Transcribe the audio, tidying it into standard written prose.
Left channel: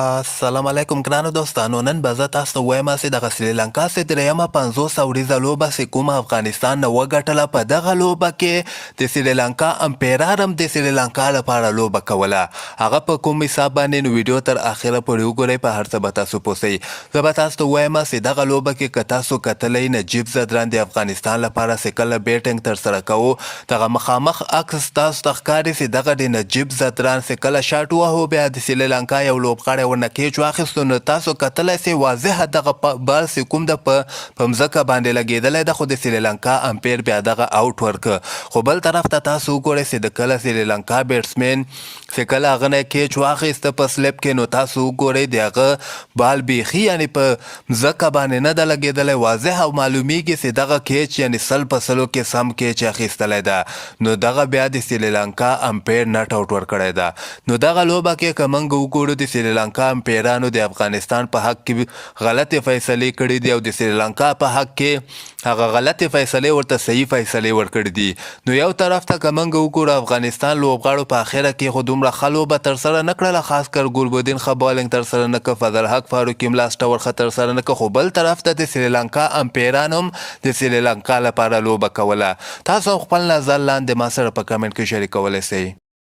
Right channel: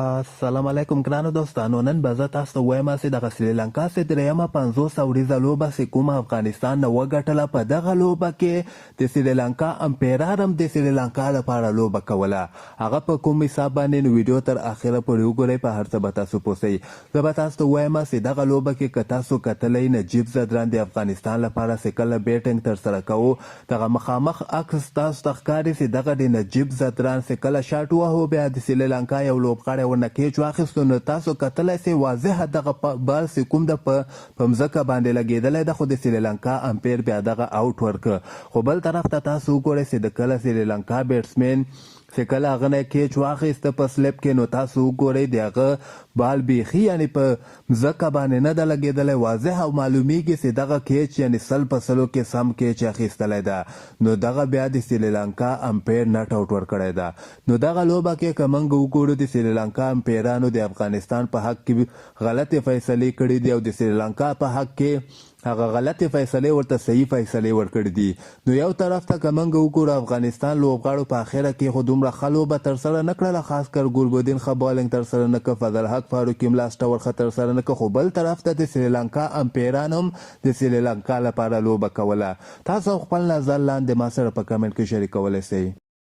السلام علیکم ګرانو دوستانو. نن به زه تاسو ته وایم چې دغه سریلانکا چې درېیمه 500 اوریزه لوبه چې کومه افغانستان نه وګټله، په دغه لوبه کې د سریلانکا امپیران هم د سریلانکا لپاره لوبه کوله. هغه په کوم حساب باندې نو ویډیو تر اخره پورې وګورئ، په هر څه به تاسو پوهیږئ. زه به تاسو ته وایم چې دغه لوبه کې که تاسو کتلی نجیب زدران د افغانستان لپاره چې کله بیټینګ ترسره کوو، دغه مخامخ عکس تاسو ته ښکاري چې دغه د نجیب زدران چې کله شاټ وهو بیا د سریلانکا یو لوبغاړی ورنه کیچ واخیستو، نو تاسو کتلی سئ واضحه دغه بال چې کوم ده په مځکه باندې لګېدلی ده، خو د سریلانکا امپیر بیا دغه آوټ ورکړه. خو بل طرف ته تاسو وګورئ چې د کله سریلانکا بیټسمین چې کله هغه نه کیچ واخیسته په سلیپ کې، نو تاسو وګورئ د هغه بال بیخي یعنې په مځکه باندې نه ده لګېدلی، واضح او معلومیږي چې دغه کیچ یعنې 100% کې سم کیچ اخیستلی ده. نو دغه بیا د سریلانکا امپیر نټ آوټ ورکړی ده. نو دغه لوبه کې که موږ وګورو د سریلانکا امپیرانو د افغانستان په حق کې غلطې فیصلې کړي دي او د سریلانکا په حق کې هغه غلطې فیصلې ورته صحیح فیصلې ورکړي دي. نو یو طرف ته که موږ وګورو افغانستان لوبغاړو په اخره کې خو دومره ښه لوبه ترسره نه کړله، خاص کر ګلبدین ښه بالینګ ترسره نه کړه، فضل حق فاروقي هم لاس ټور ښه ترسره نه کړه. خو بل طرف ته د سریلانکا امپیران هم د سریلانکا لپاره لوبه کوله. تاسو خپل نظر لاندې ما سره په کمنټ کې شریکولی سئ.